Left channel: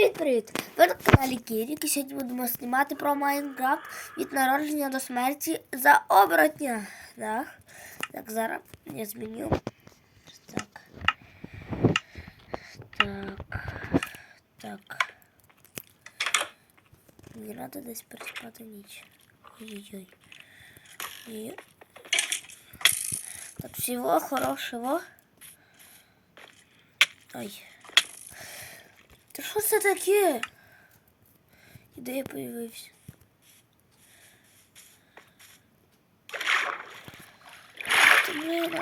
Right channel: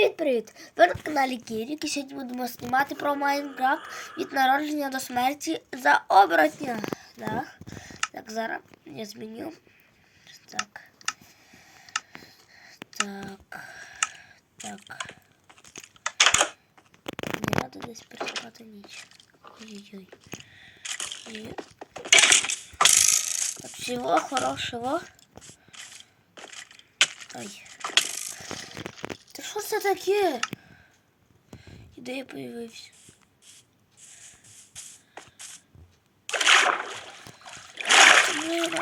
Привіт-привіт! Ви на каналі Кірік і сьогодні будемо знімати про Майнкрафт від народження до смерті за оборотня. Так, так зараз я зміню. Так. Так. Так. Мені треба десь переспати ніч. Ой-ой-ой. І... Так, всего хорошего. Ой. Та що це таке? І де я появився? Блин,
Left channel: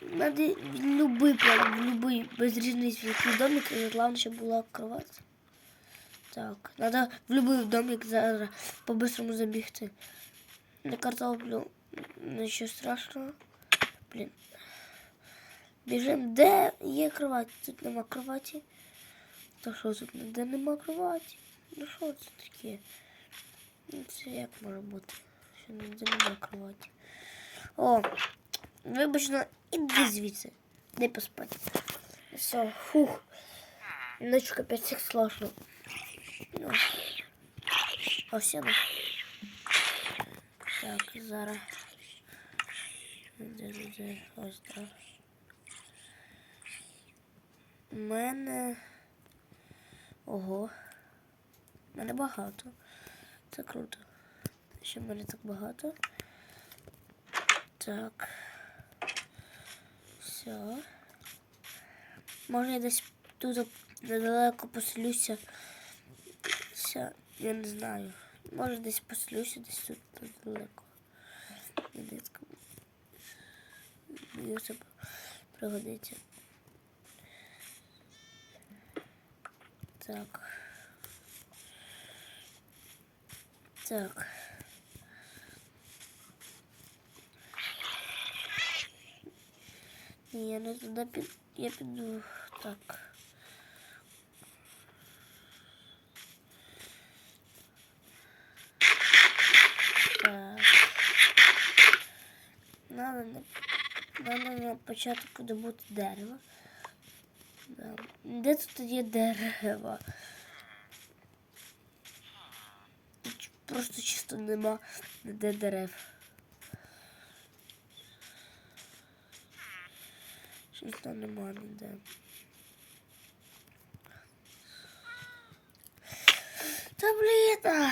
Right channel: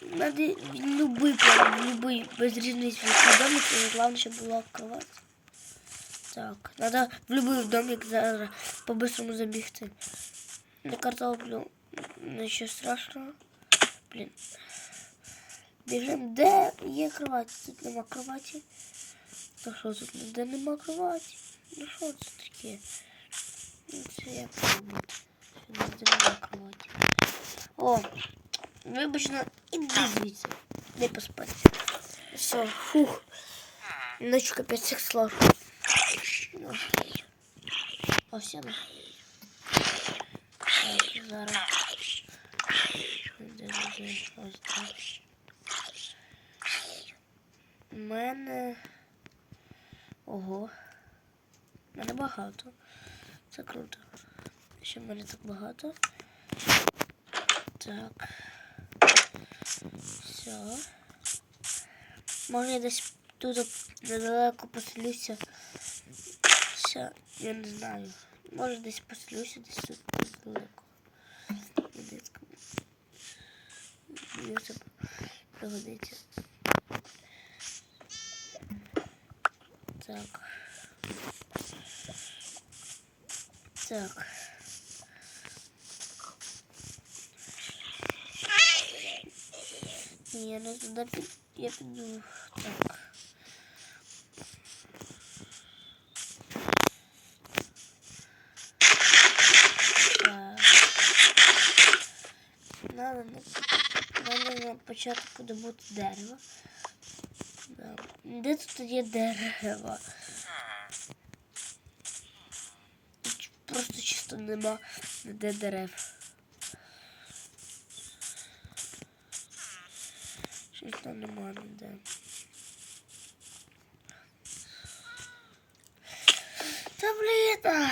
надо любой прям, любой, без різниці, який домик, і головне, щоб була кровать. Так, надо в любой домик зараз по-быстрому забігти. На картоплю, нічого страшного. Блін. Біжим, де є кровать? Тут нема кроваті. Та що тут ніде нема кроваті? Ну що це таке? Ну це як має бути? Що ніде нема кроваті. О, вибачно, іди звідси. Не поспати. Все, фух. Ночь капець всіх сложно. Ну. Ось я. Так, зараз. Де, де, де? Ось так. У мене. Ого. У мене багато. Це круто. Ще в мене так багато. Так. Все. Може я десь тут недалеко поселюся. Все, я не знаю. Може десь поселюся, десь тут недалеко. Мені це пригодиться. Так. Так. Ні, я не туди під... Я піду. Так. Так. Надо на, надо на початку добути дерево. Де тут є дерево? Просто чисто нема де дерев. Чисто нема ніде. Та блін.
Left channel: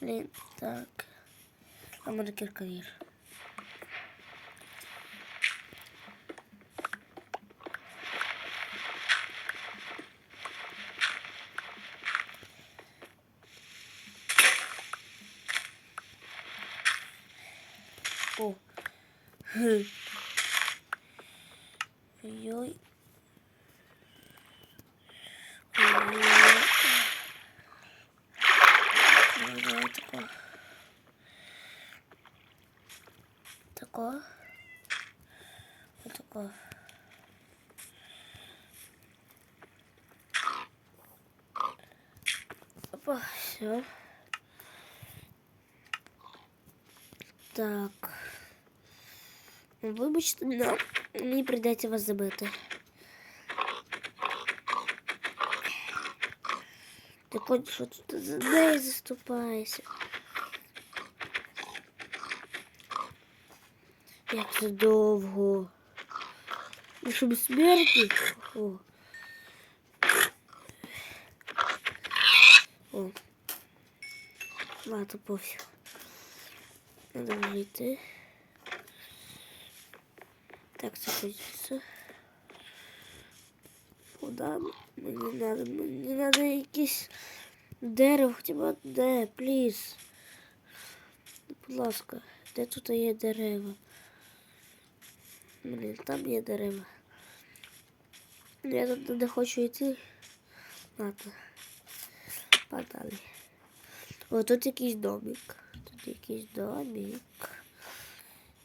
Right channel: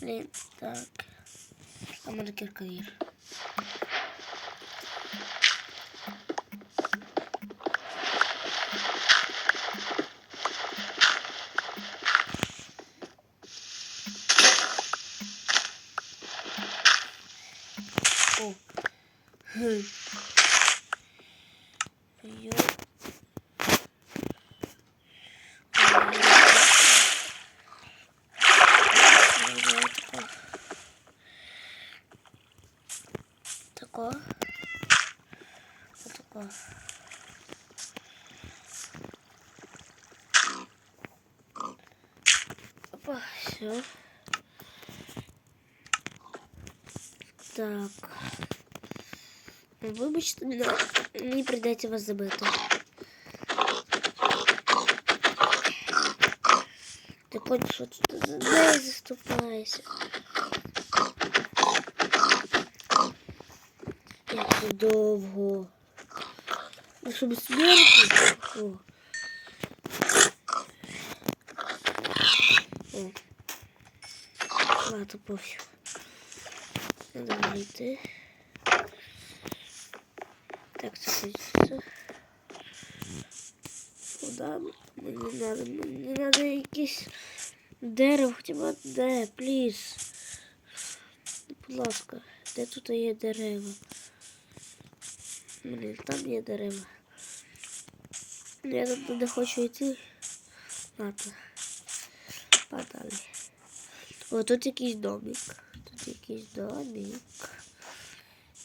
Блін, так. А може кірковір. О. Хм. Йо. Тако. Отако. Опа, все. Так. Вибачте, но мені прийдеться вас забити. Ти понял, що тут за неї заступаєшся. Як це довго. І щоб смерті. О. О. Ладно, пофіг. Надо вийти. Так, це хочеться. Куда мені надо? Мені надо якесь дерево, хоча б одне, пліз. Будь ласка, де тут є дерева? Блін, там є дерева. Я тут не хочу йти. Ладно. Подали. О, тут якийсь домик. Якийсь домик.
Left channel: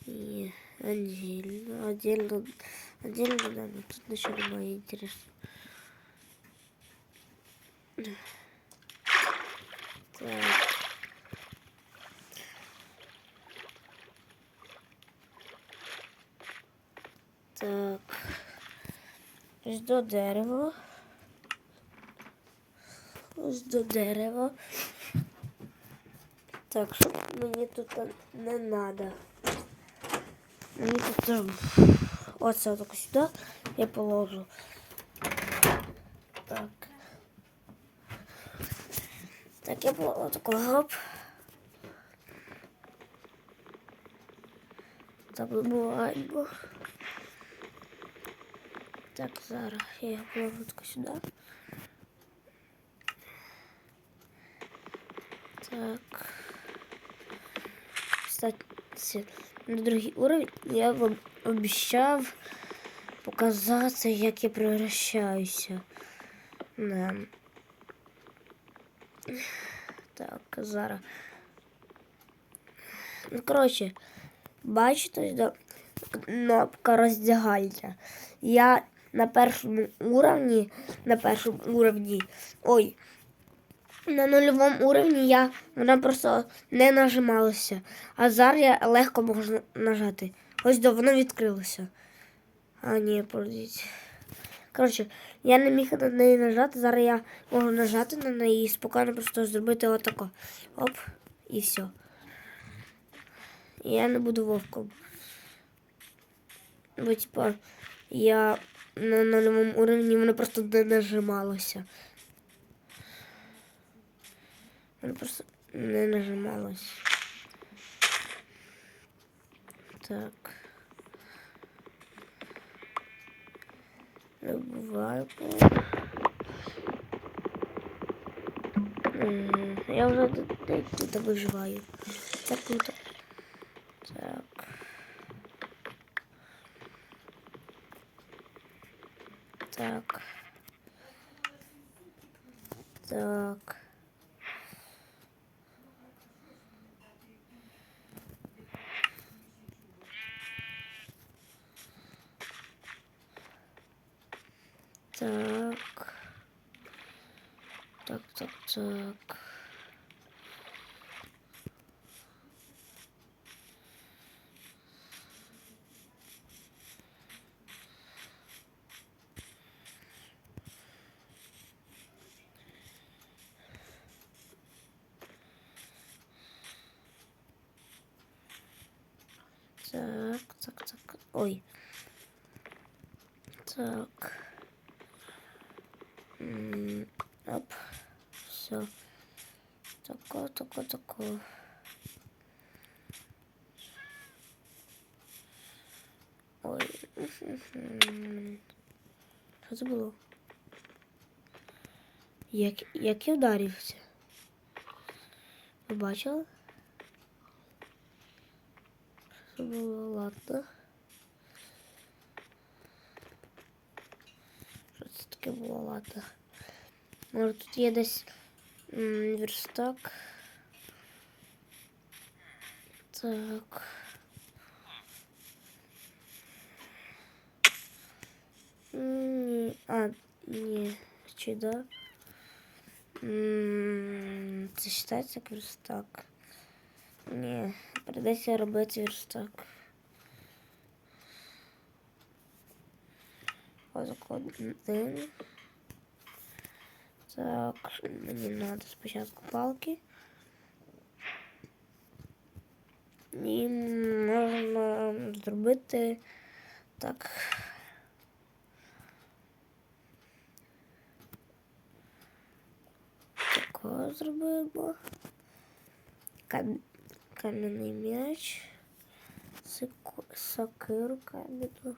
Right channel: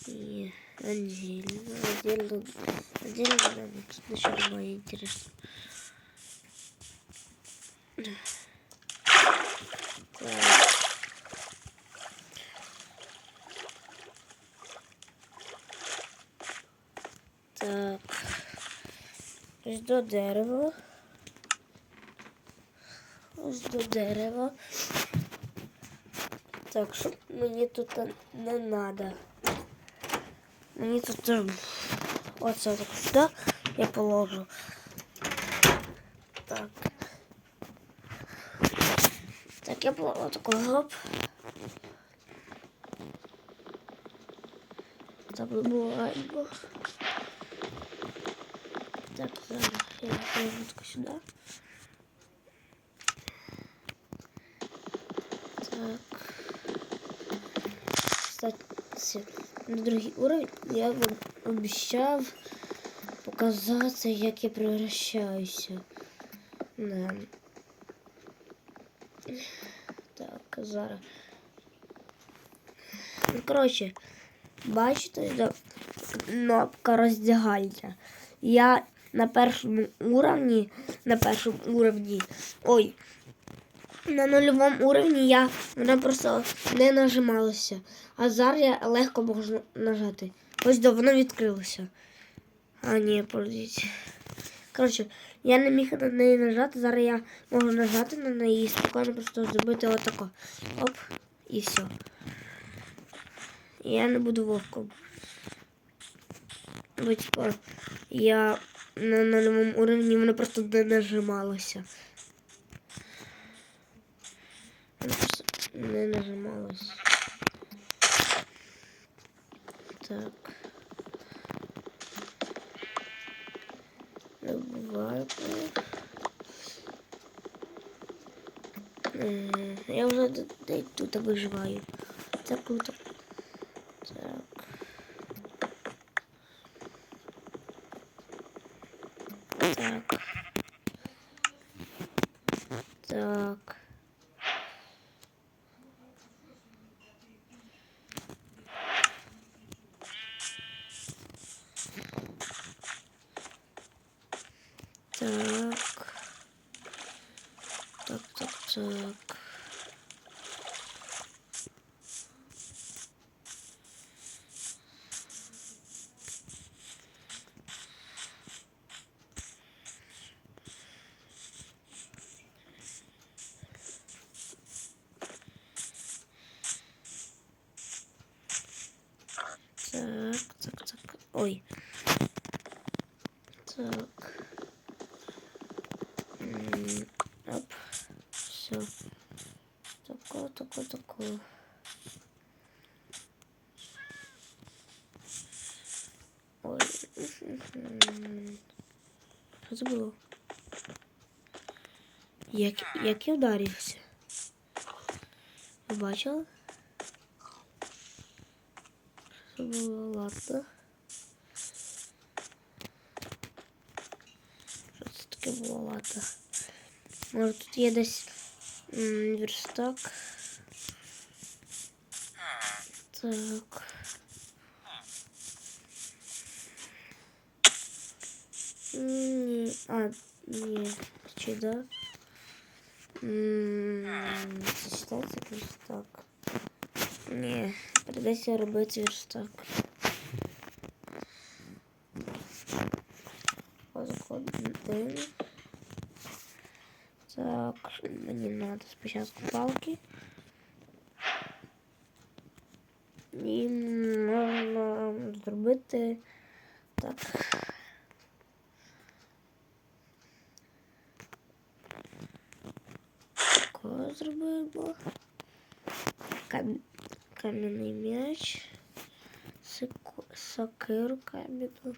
І отдельно, отдельно, отдельно домик. Тут ничего немає интересно. Так. Так. Ось до дерева. Так, щоб мені тут не треба. Мені тут ем, оце так сюди я положу. Так. Так, я положу такой гоп. Забуваємо. Так, зараз я положу тако сюди. Так. Кстати, на другий уровень я вам обіцяв показати, як я превращаюся. Да. Так, зараз. Ну, коротше, бачите, да, кнопка роздягальця. Я на першому уровні, на першому уровні, ой, на нульовому уровні я вона просто не нажималася. А зараз я легко можу нажати. Ось до воно відкрилося. А, ні, подивіться. Коротше, я не міг на неї нажати. Зараз я можу нажати на неї і спокійно просто зробити отако. Оп, і все. Я не буду вовком. Бо типа я на нульовому уровні воно просто не нажималося. Не нажималося. Так. Добываю. Я уже тут выживаю. Так круто. Так. Так. Так. Так, так, так. Так. Ой. Так. Оп. Все. Тако, тако, тако. Ой. Що це було? Як, як я вдарився? Ви бачили? Що було? Ладно. Що це таке було? Ладно. Може тут є десь верстак. Так. Ні. А, ні. Чи да? Це считається верстак? Ні, придеться робити верстак. Ось один. Так, мені треба спочатку палки. І можна зробити так. Такого зробимо. Кам... Кам'яний м'яч. Сокиру кам'яну.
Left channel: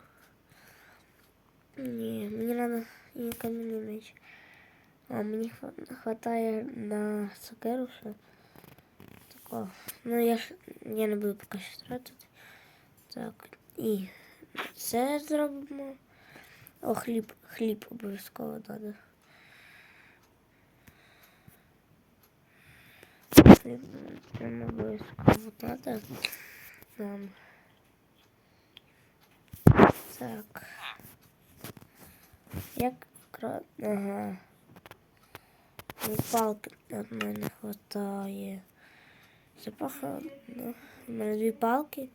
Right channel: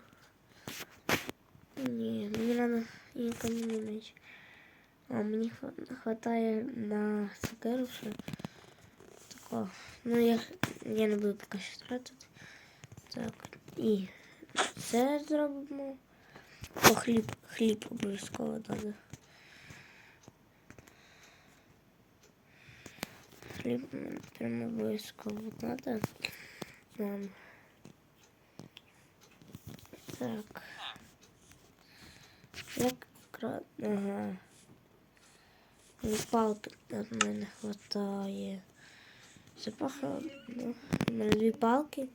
Ні, мені треба і кам'яний м'яч. А мені хватає на сокеру ще такого. Ну я я не буду поки що тратити. Так, і це зробимо. О, хліб, хліб обов'язково треба. Хліб прямо обов'язково треба. Нам. Так. Як Ага. І палки от мене хватає. Запаха. Ну, у мене дві палки.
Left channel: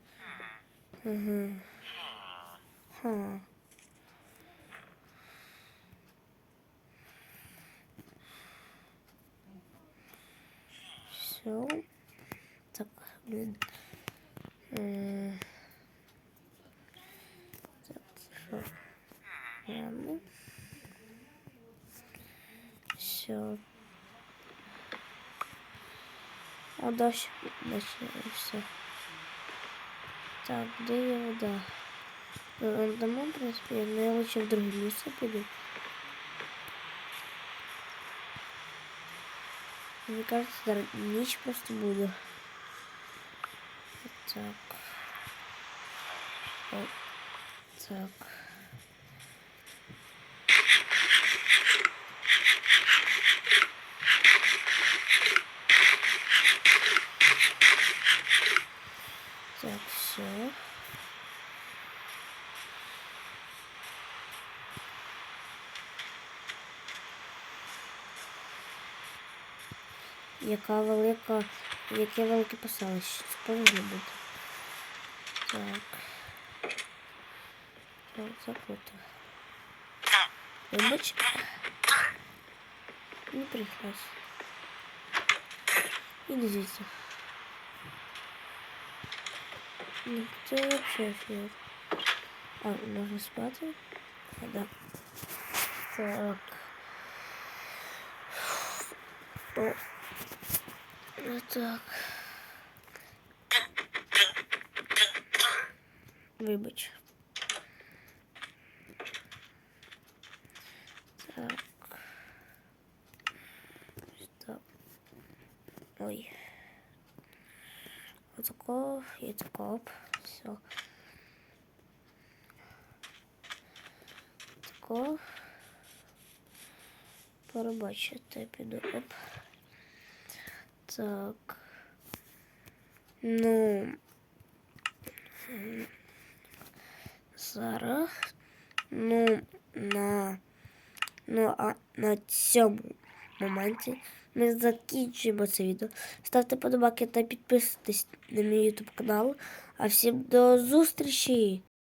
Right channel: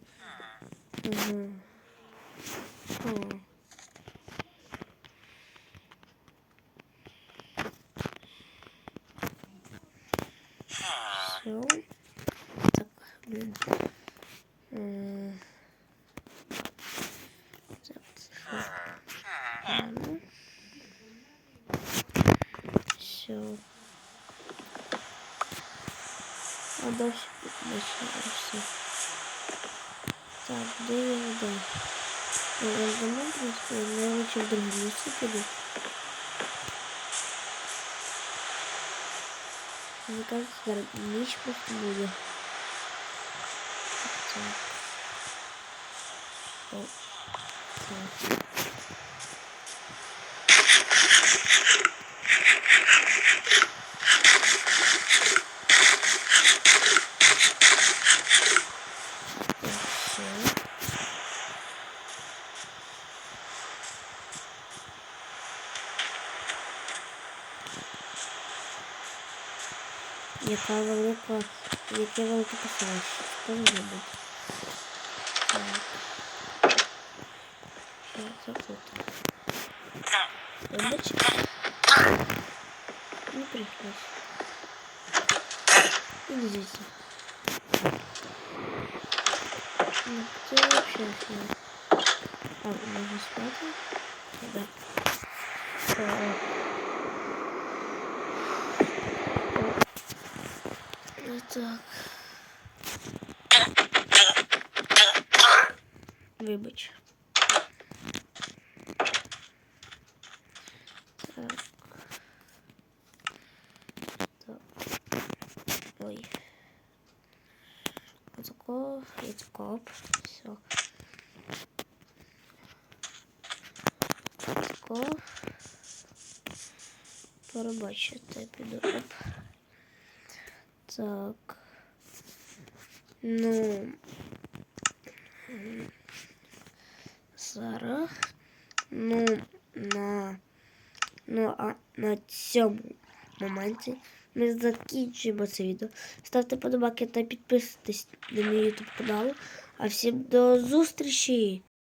Угу. О. Все. Так, блин. Е, Так, це що? Ладно. Все. А дальше, дальше, все. Так, де є вода? Ну, я дома, в принципі, я не лучше в друге місце піду. Мені кажется, зараз ніч просто буде. Так. О. Так. Так, все. Яка велика, яке велике поселище. Це повинно бути. Так. Що це тут? Вибач. Не прийшлось. Іди звідси. Ну, це вообще фіг. А, можна спати? Да. Так. О. Ну так. Вибач. Так. Так. Ой. Отако, і тако. Все. Тако. Перебачити, піду. Оп. Так. Ну. м, Зараз. Ну, на. Ну, а на цьому моменті ми закінчуємо це відео. Ставте подобаки та підписуйтесь на мій YouTube канал. А всім до зустрічі!